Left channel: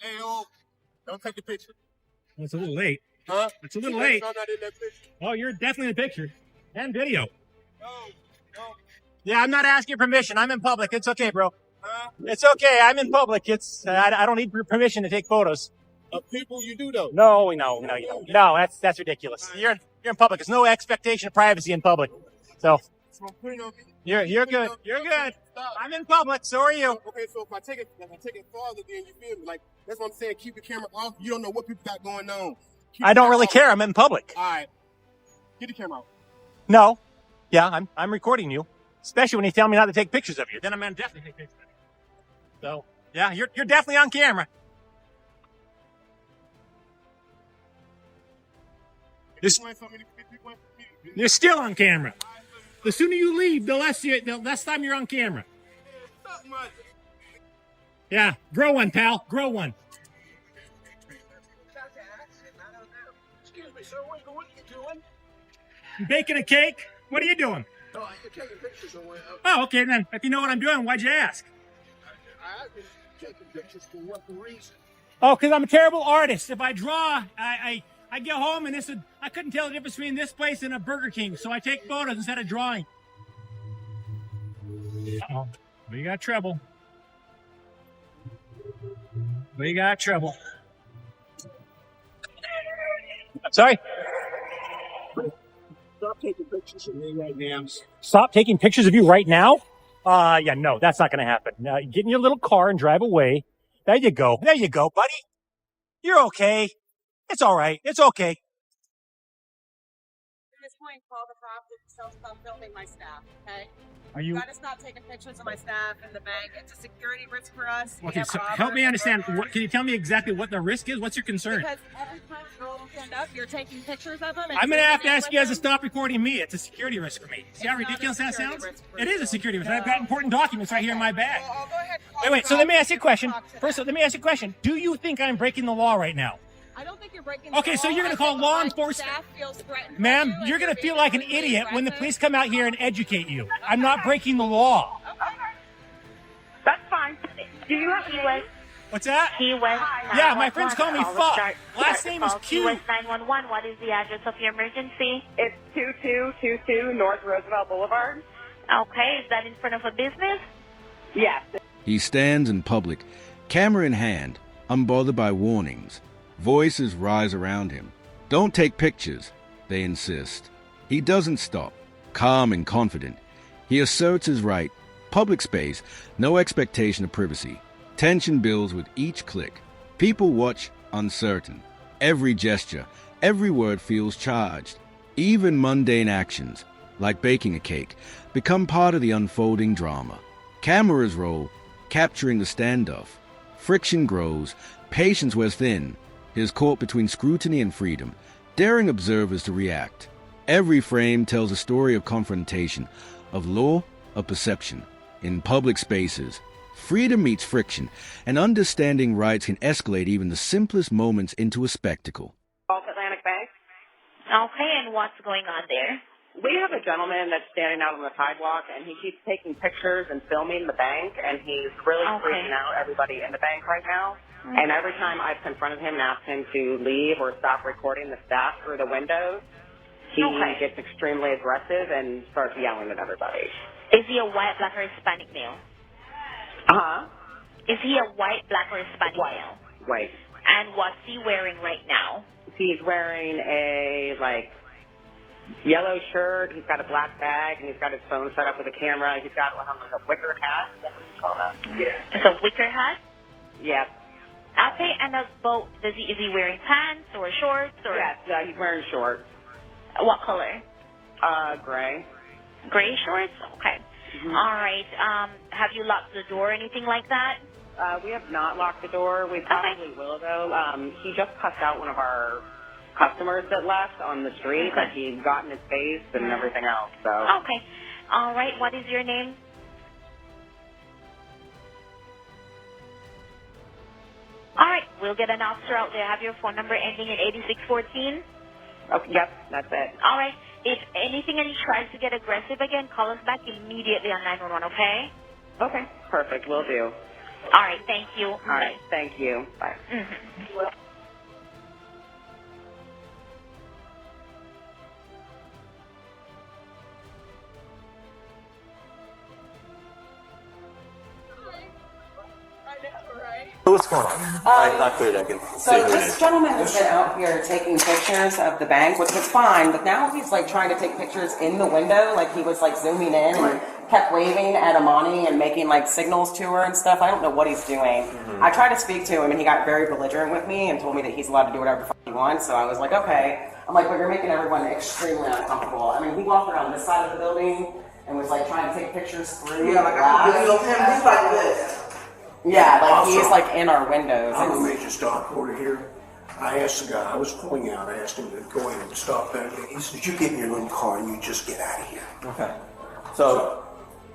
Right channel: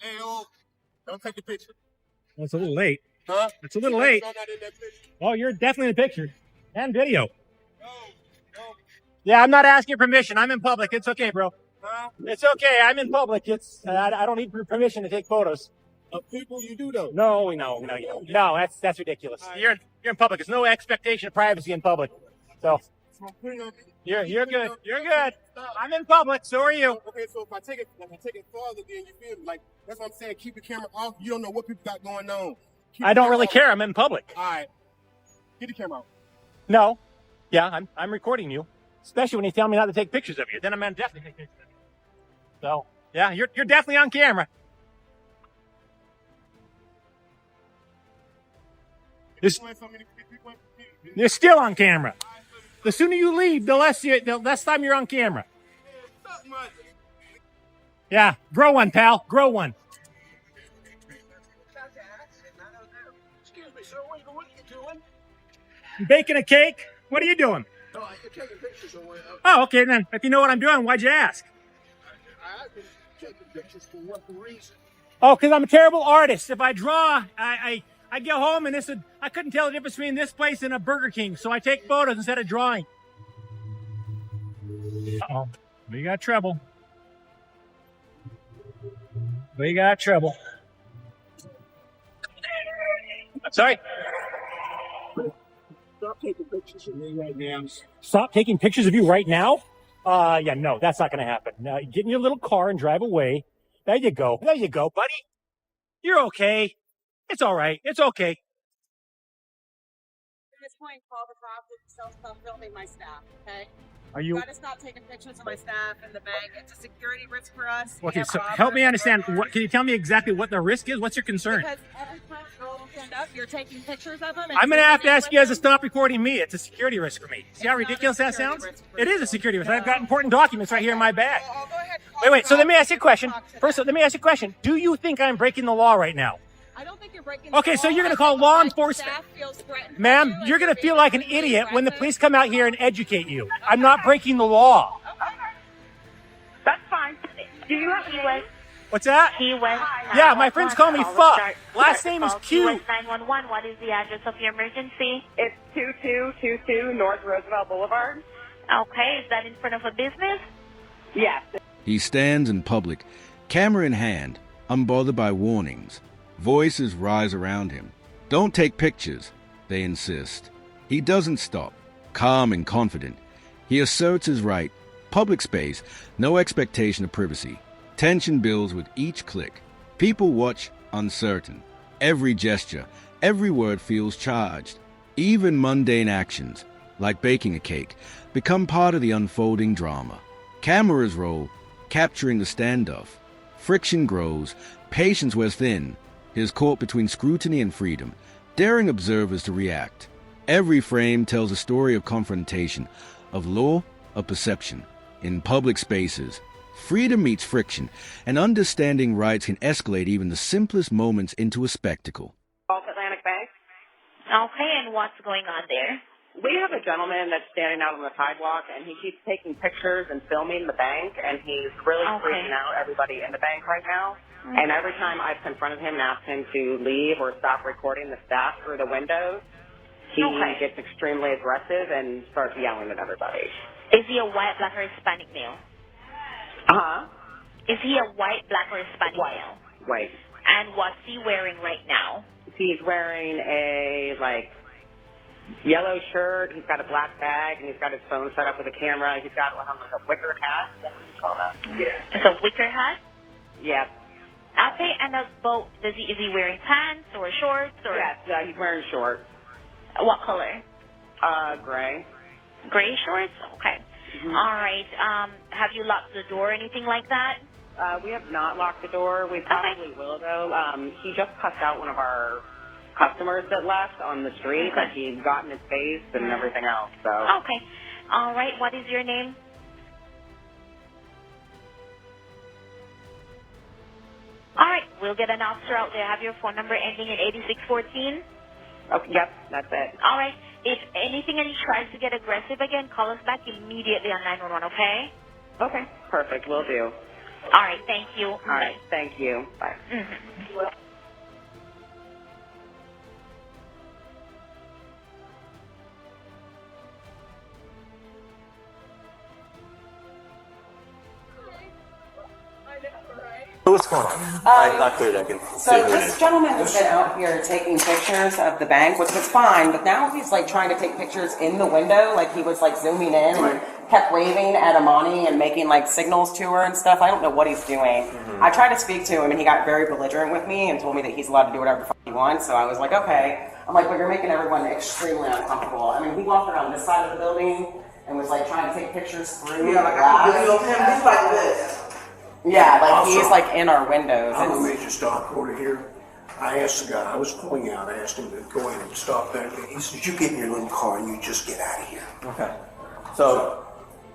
Hey, oh, don't take the picture. Well, it's a little late. Huh? It's a little late. I'm not in that picture. Oh, you're definitely in the picture. And video. No, no. Yeah, I'm not asking permission. I'm in public. It's okay, bro. Huh? It's okay. I'm in public. I don't need permission to take photos. Of people you do, though. No, you don't. No, that's ridiculous. You're in public. There's no expectation of privacy in public. So you're good. You're good. Stop. I'm in public. So are you. Okay, so if I take it farther, then you feel me? Like, that's what I'm saying. Keep the camera off. You don't know what people got going on. I don't really care. I'm in public. All right. Get the camera out. No. Yeah, I'm recording you. Especially when you tell me not to take pictures of you. Then I'm going to definitely take pictures of you. So, yeah, you're definitely on camera. You're still on camera. The sooner you leave, the less time you're on camera. Yeah, grow one, pal. Grow one. Excuse me, sir. What are you doing? Baking a cake? What are you doing? Oh, you're taking pictures of what? Oh, okay, then. If you know what I'm doing, why'd you ask? I've been taking pictures for what reason? Oh, because I'm a terrible artist. If I draw, I get home and I couldn't tell the difference between this place and a Burger King, so I take photos instead of drawing. Uh-oh. We got trouble. We got trouble. Sorry? Stop taking pictures of me right now. Stop taking pictures of you right now? Yeah, no, that's not going to happen. Now, get in your little car and drive away. There you go. There you go, buddy. You're okay. It's all right. It's okay. At this point, call the cops and stop filming my staff, okay? Are you... You gotta stop taking pictures of my staff in the bank. It's a security risk for us. Okay, so help me understand. Can you tell me exactly what the risk is? What's your concern? Because every time girls stand up, you're taking pictures of them. I'm going to have to ask you guys to stop recording me. It's a security risk for me. See how ridiculous that sounds? It is a security risk. I've got important documents right here in my bag. Well, I'll go ahead and call Wait, the so let cops me ask you a and question. talk to them. First, let me ask you a question. Do you think I'm breaking the law right now? I don't think you're breaking the Okay, so law. you're going to call I think law my enforcement. staff feels threatened by Ma'am, you, and you're going to being feel like an overly idiot when the aggressive. police come out here and educate you. I'm not breaking the law. That's fine. Do you have Key West? What's that? Key West. Yeah, my friends call me Fuck. Last name is Key Q. West 911. What is the address of your emergency? It's 2222 North Roosevelt Boulevard. Okay, is that in front of a business? Yes. He stands in public, camera in hand, unbothered by warnings. Voices rise around him. Don't take pictures, they insist. He doesn't stop, calm and confident. He asserts his right. Public space, no expectation of privacy. Tension builds with each click. People watch, uncertain. Every gesture, every word feels charged. Even mundane actions, like baking a cake, become part of the unfolding drama. Cameras roll, capturing the standoff. Friction grows, patience wears thin. He is caught between scrutiny and freedom, daring observers to react. Every frame tells a story of confrontation, of law, of perception. In public spaces, freedom meets friction, and understanding rights can escalate even the simplest moments into a spectacle. Gulf Atlantic Bank. Okay, and what's going on there? We have a gentleman that's standing out on the sidewalk, and he keeps taking pictures and filming the bank, and he's really freaking out everybody in the bank right now. And every time I've confronted him and asked him to leave or stop recording the staff through the windows, he gets extremely aggressive and starts yelling at everybody. Is he a white, black, or Hispanic male? Uh-huh. Is he a white, black, or Hispanic male? White. And what's he wearing right now? He's wearing a, yellow shirt. He's got a black bag, and he's got his phone set up with a camera. He's got a wicker hat. Is that what you call that? Yeah. It's a wicker hat? Yep. Okay, and is he wearing pants or shorts? Or Yes, he's wearing shorts. What color? Gray. Gray shorts? Okay. Mm-hmm. All right. Have you locked the door or anything like that? We have not locked the door. We probably will, though. He just cussed out one of our customers that left on the street. Like, he got in his face and everything else. So. Okay. All right. What is your name? All right. We'll get an officer out there. Have your phone number ending in 8614? Okay, yep, that's it. All right. If anything and he tries to get aggressive again, call us back immediately on 911, okay? Okay, perfect. Will do. All right, thank you. All right, thank you. Bye. Mhm. What's going on? Not clear that I can see So who it this is. gentleman has been out here taking pictures of the bank, which was fine, but now he's like trying to take pictures in the window, like he was like zooming in and kept waving at Amani and making like signals to her and stuff. I don't know what he's doing. I tried to speak to him and he got very belligerent with me and told me that he's allowed to do whatever the fuck he wants. So I was like, okay. I'm like, but you're making everyone extremely uncomfortable. I mean, he walked around this side of the building and was like trying to take pictures through. Yeah, like I can video him. He's like this. Yeah, like he's like in our windows. I'm a major stock order here. I asked the guy, I was pulling out, I asked him to go in and stop there. He said, you get in your little car and you just get out of here. Okay. So,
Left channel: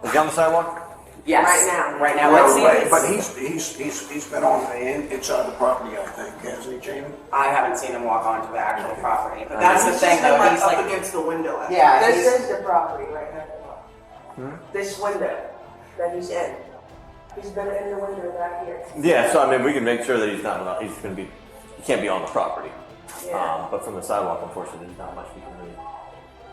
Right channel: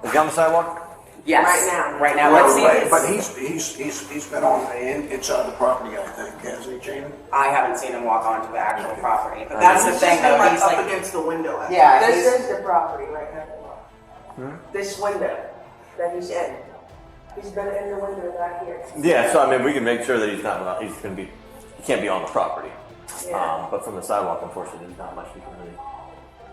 is he on the sidewalk? Yes. Right now. Right Let's see. away. But he's been on the inside the property, I think, hasn't he, Jamie? I haven't seen him walk onto the actual property. But that's the thing, though. Like He's up like, against the window. yeah, This he's- is the property right now. This window that he's in. He's been in the window back here. Yeah, so I mean, we can make sure that he's not, he can't be on the property. Yeah. But from the sidewalk, unfortunately, there's not much we can really.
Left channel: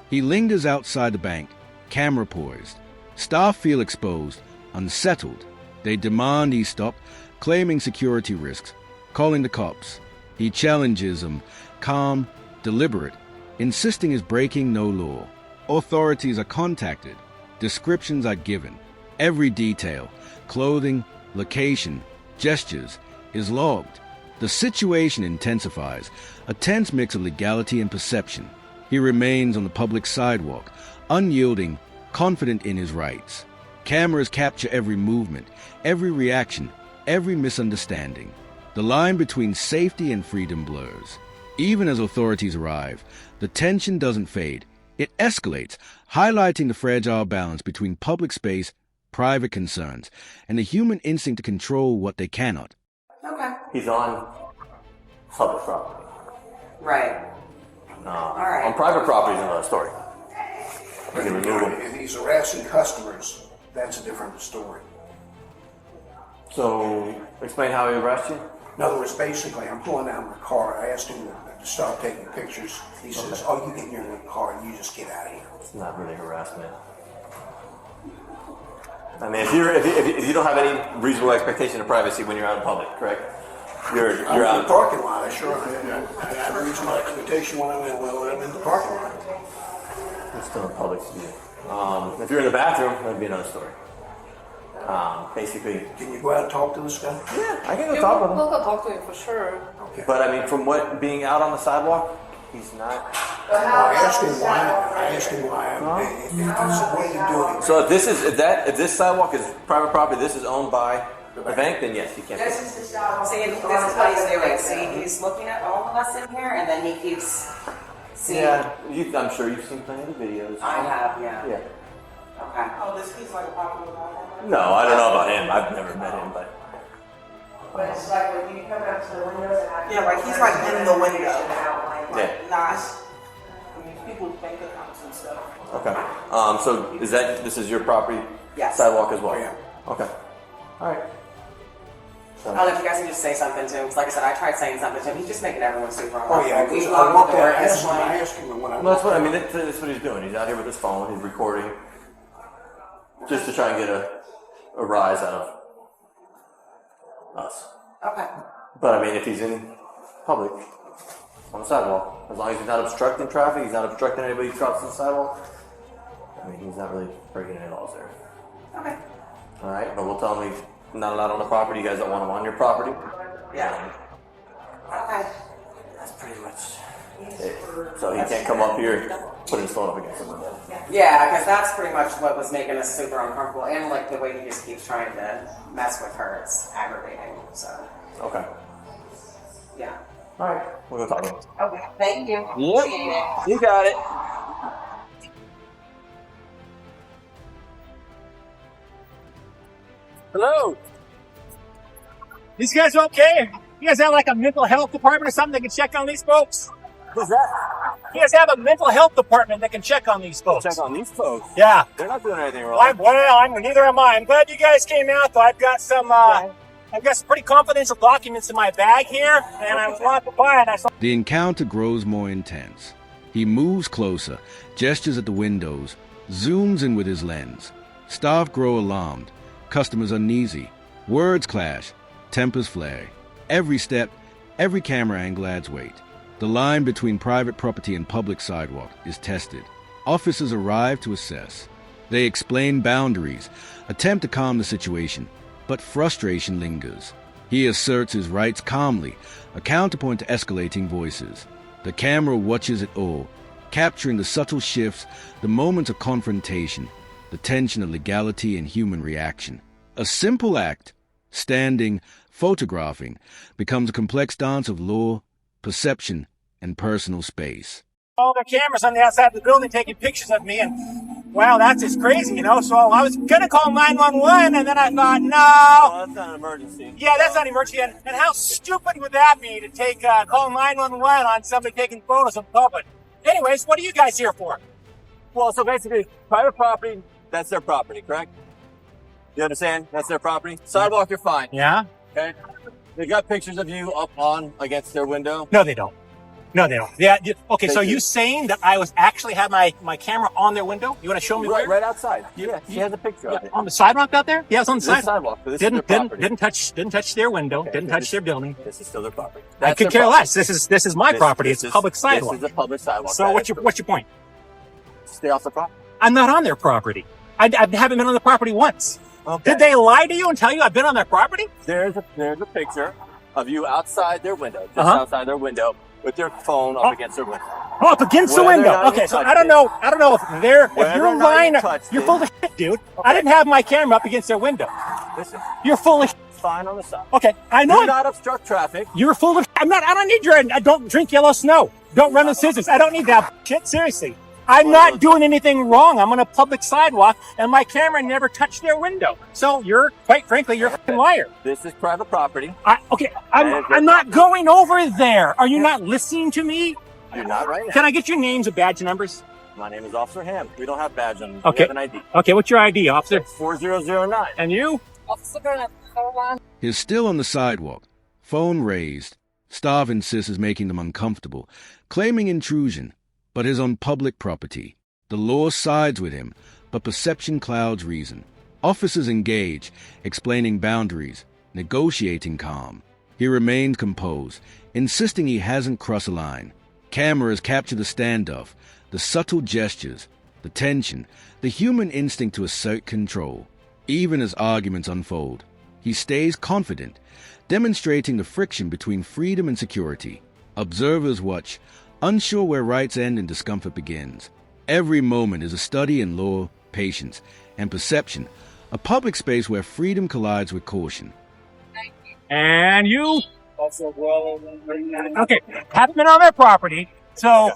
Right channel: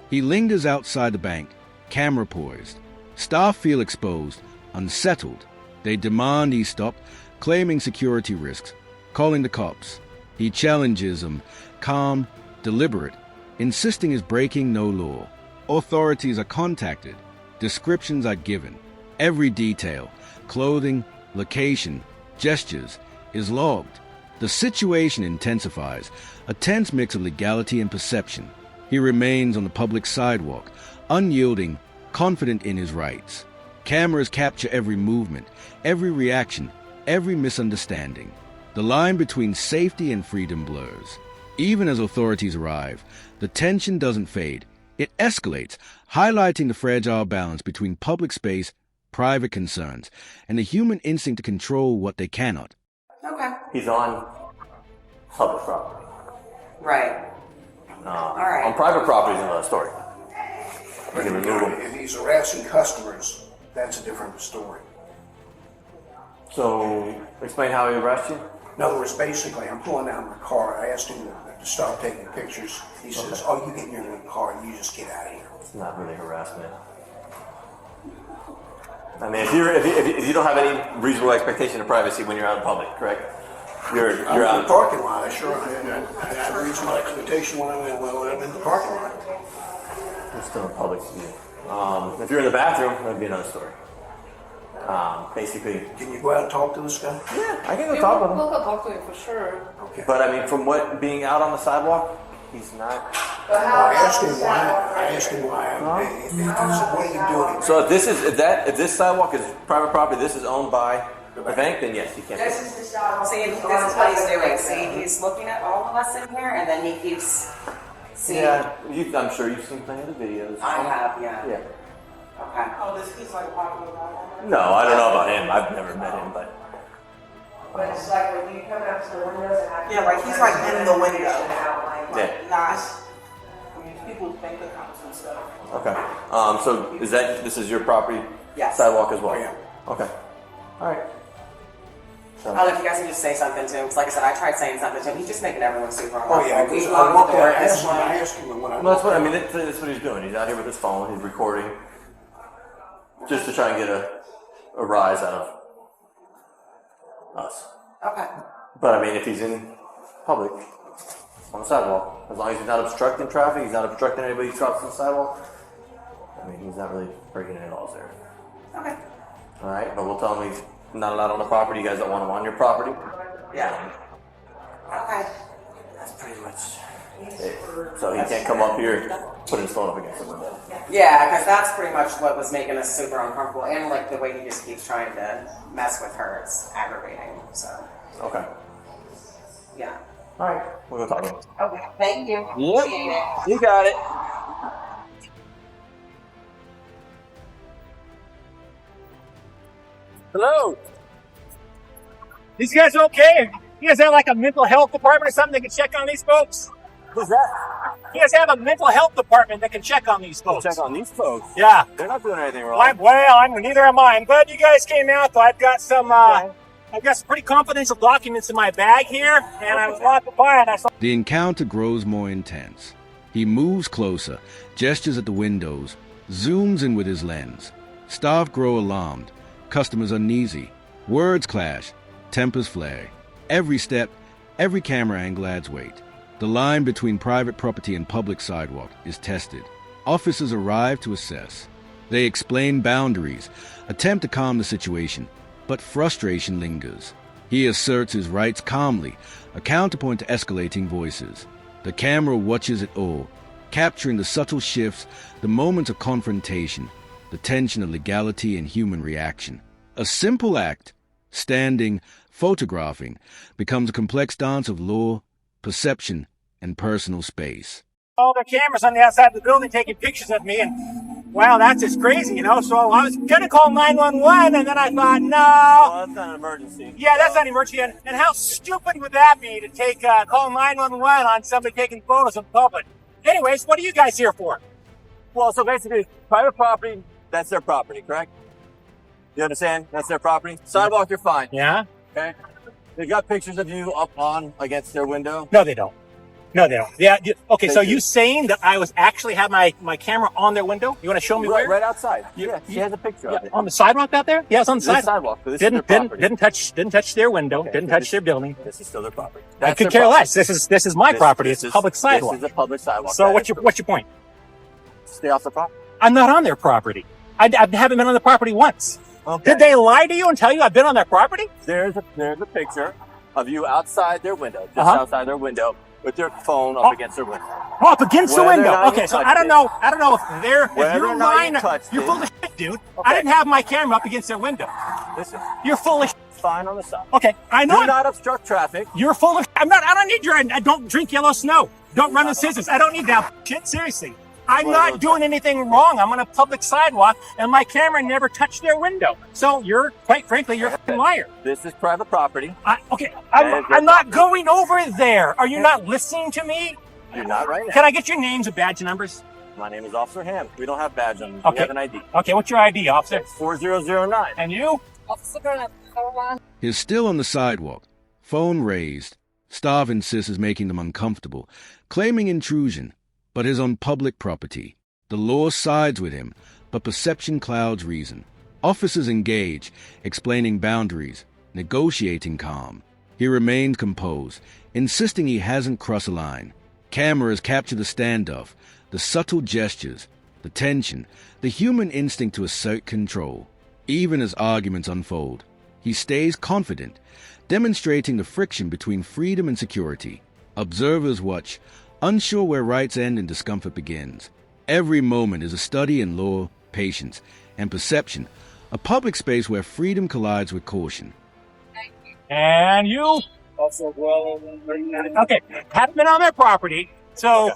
He lingers outside the bank, camera poised. Staff feel exposed, unsettled. They demand he stop, claiming security risks, calling the cops. He challenges them, calm, deliberate, insisting he's breaking no law. Authorities are contacted. Descriptions are given. Every detail, clothing, location, gestures, is logged. The situation intensifies, a tense mix of legality and perception. He remains on the public sidewalk, unyielding, confident in his rights. Cameras capture every movement, every reaction, every misunderstanding. The line between safety and freedom blurs. Even as authorities arrive, the tension doesn't fade. It escalates, highlighting the fragile balance between public space, private concerns, and the human instinct to control what they cannot. okay. He's on public property. Right. All right. On private property is another story. We can remove him. If he's harassing customers, that's a different story. So, explain how he arrested you? In other words, basically, I'm pulling out my car. I asked him to stop taking pictures. He says, oh, you get in your little car and you just get out of here. It's not really harassment. I mean, if you don't have any reasonable expectation of privacy when you're out in public, correct? You're I'm in out the parking lot. I have a reasonable expectation when I'm in the parking lot. It's still in public view. If you're in the bathroom, that'd be another story. Basically, Can you go out and talk to this guy? yeah, I can go talk with him. We'll go talk to him for sure. Okay. But I mean, from what being out on the sidewalk, he's not. I asked him why. He said, what are you doing? So if this sidewalk is private property, this is owned by the bank, then yes, he can't. This is the shot. See, this is what he's doing. See, he's looking at all of us in here, and then he keeps. See, Yeah, I'm sure you've seen plenty of the videos. I have, yeah. Yeah. Okay. Oh, this is like a popular guy. No, I don't know about him. I've never met him, but But it's like when you come out to the windows and I Yeah, like he's like in the window. yeah. Nice. I mean, people's bank accounts and stuff. Okay. So this is your property Yes. sidewalk as well? Oh, yeah. Okay. All right. I don't know if you guys can just say something to him, because like I said, I tried saying something to him. He's just making everyone super Oh, yeah. uncomfortable. We I locked walked the door. out. This one. I asked him when I Well, that's what I mean. That's what he's doing. He's out here with his phone. He's recording, just to try and get a rise out of us. Okay. But I mean, if he's in public on the sidewalk, as long as he's not obstructing traffic, he's not obstructing anybody who crossing the sidewalk. I mean, he's not really breaking any laws there. Okay. All right, but we'll tell him he's not allowed on the property. You guys don't want him on your property. Yeah. Okay. That's pretty much it. So he can't come up here, put his phone up against the window. Yeah, because that's pretty much what was making us super uncomfortable, and like the way he just keeps trying to mess with her, it's aggravating. So. Okay. Yeah. All right, we'll go talk to him. Okay. Thank you. Yep, you got it. Hello. These guys okay? You guys have like a mental health department or something that can check on these folks? Who's that? You guys have a mental health department that can check on these folks? Check on these folks. Yeah. They're not doing anything wrong. Neither am I. I'm glad you guys came out though. I've got some I've got some pretty confidential documents in my bag here, and I was walking by and I saw... The encounter grows more intense. He moves closer, gestures at the windows, zooms in with his lens. Staff grow alarmed, customers uneasy, words clash, tempers flare. Every step, every camera angle adds weight. The line between private property and public sidewalk is tested. Officers arrive to assess. They explain boundaries, attempt to calm the situation, but frustration lingers. He asserts his rights calmly, a counterpoint to escalating voices. The camera watches it all, capturing the subtle shifts, the moments of confrontation, the tension of legality and human reaction. A simple act, standing, photographing, becomes a complex dance of law, perception, and personal space. All the cameras on the outside of the building taking pictures of me, and wow, that's just crazy, you know? So I was gonna call 911, and then I thought, no. Well, that's not an emergency. Yeah, that's not an emergency. And how stupid would that be to take call 911 on somebody taking photos in public? Anyways, what are you guys here for? Well, so basically, private property, that's their property, correct? You understand? That's their property. Sidewalk, you're fine. Yeah? Okay. They got pictures of you up on against their window. No, they don't. No, they don't. Yeah. Okay, They so do. you saying that I was actually have my camera on their window? You want to show me where? Right outside. Yeah, she has a picture of it. On the sidewalk out there? Yeah, it's on the This sidewalk. sidewalk. So this is their property. Didn't touch their window. Okay, Didn't so touch their building. This is still their property. I That's could their care property. less. This is my property. It's public sidewalk. This is a public sidewalk. So That what's is your point? Stay off the property. I'm not on their property. I haven't been on the property once. Okay. Did they lie to you and tell you I've been on their property? There's a picture of you outside their window, just Uh-huh. outside their window, with their phone up against their window. Oh, up against the Whether or window. not you Okay, so touched I don't it. know if they're if Whether you're or not lying. you touched You're it. full of shit, dude. I Okay. didn't have my camera up against their window. Listen, You're full of shit. fine on the side. Okay, I know. Do not obstruct traffic. You're full of shit. I don't need your. I don't drink yellow snow. Don't run the scissors. I don't need that shit. Seriously. I'm not doing anything wrong. I'm on a public sidewalk, and my camera never touched their window. So quite frankly, you're a fucking liar. This is private property. I'm not going over there. Are you not listening to me? You're not right now. Can I get your names and badge numbers? My name is Officer Ham. We don't have badge on. We Okay. have an ID. Okay, what's your ID, officer? 4009. And you? He's still on the sidewalk, phone raised. Staff insists is making them uncomfortable, claiming intrusion, but is on public property. The law sides with him, but perception clouds reason. Officers engage, explaining boundaries, negotiating calm. He remained composed, insisting he hasn't crossed a line. Cameras capture the standoff, the subtle gestures, the tension, the human instinct to assert control. Even as arguments unfold, he stays confident, demonstrating the friction between freedom and security. Observers watch, unsure where rights end and discomfort begins. Every moment is a study in law, patience, and perception, a public space where freedom collides with caution. And you? Okay, haven't been on their property, so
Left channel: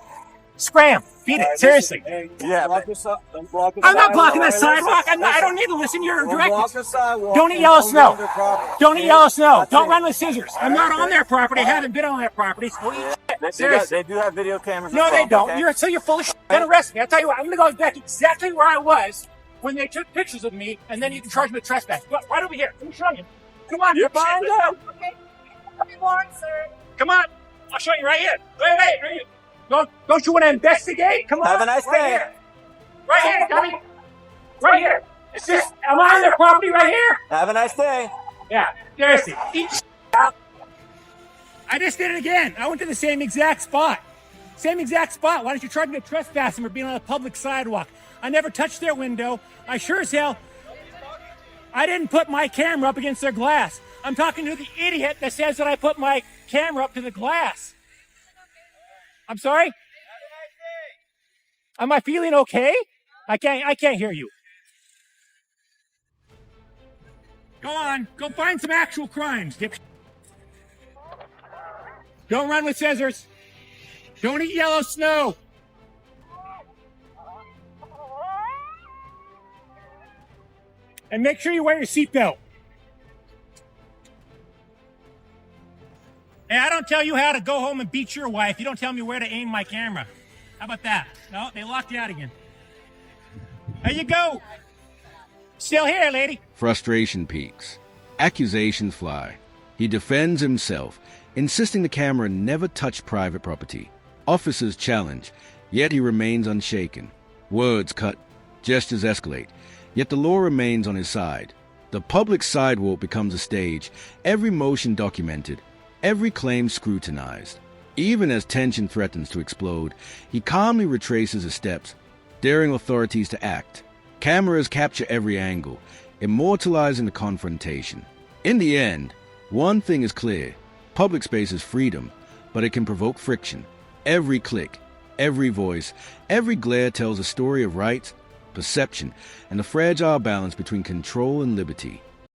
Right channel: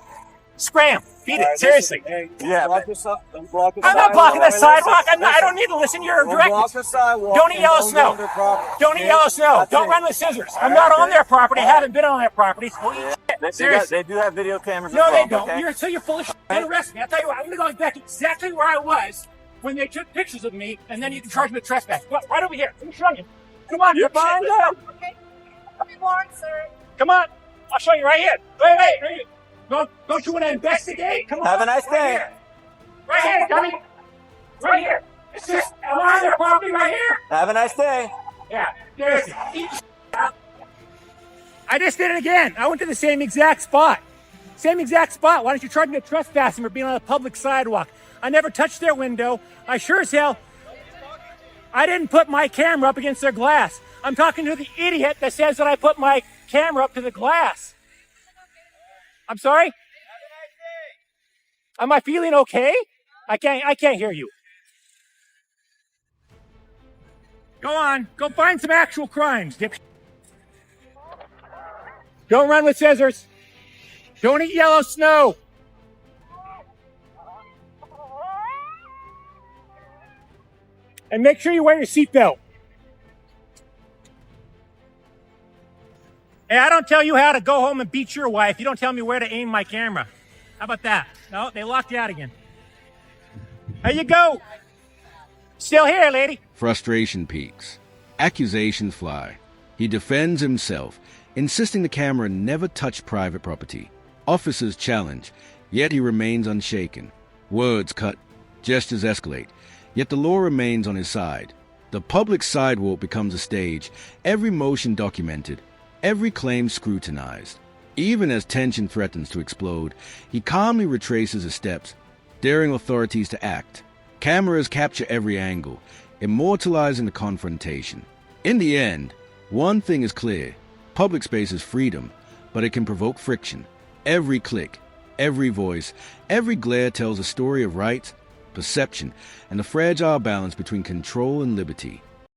scram, beat it, seriously. Yeah, I'm not blocking that sidewalk. I don't need to listen to your directives. Don't eat yellow snow. Don't eat yellow snow. Don't run with scissors. I'm not on their property. I haven't been on their property. Seriously. They do have video cameras. No, as they well, don't. okay? You're full of shit. Don't arrest me. I'll tell you what, I'm going to go back exactly where I was when they took pictures of me, and then you can charge me with trespass. Right over here. Let me show you. Come on. You're fine now. Okay. Come on. I'll show you right here. Right here. Don't you want to investigate? Come on. Have a nice day. Here. Right here, dummy. Right here. It's just, I'm on their property right here. Have a nice day. Yeah, seriously. Eat shit up. I just did it again. I went to the same exact spot. Same exact spot. Why don't you charge me with trespassing for being on a public sidewalk? I never touched their window. I sure as hell, I didn't put my camera up against their glass. I'm talking to the idiot that says that I put my camera up to the glass. I'm sorry? Am I feeling okay? I can't hear you. Go on. Go find some actual crimes, dip. Don't run with scissors. Don't eat yellow snow. And make sure you wear your seatbelt. Hey, I don't tell you how to go home and beat your wife. You don't tell me where to aim my camera. How about that? No, they locked you out again. There you go. Still here, lady. Frustration peaks. Accusations fly. He defends himself, insisting the camera never touch private property. Officers challenge, yet he remains unshaken. Words cut, gestures escalate, yet the law remains on his side. The public sidewalk becomes a stage, every motion documented, every claim scrutinized. Even as tension threatens to explode, he calmly retraces his steps, daring authorities to act. Cameras capture every angle, immortalizing the confrontation. In the end, one thing is clear. Public space is freedom, but it can provoke friction. Every click, every voice, every glare tells a story of rights, perception, and the fragile balance between control and liberty.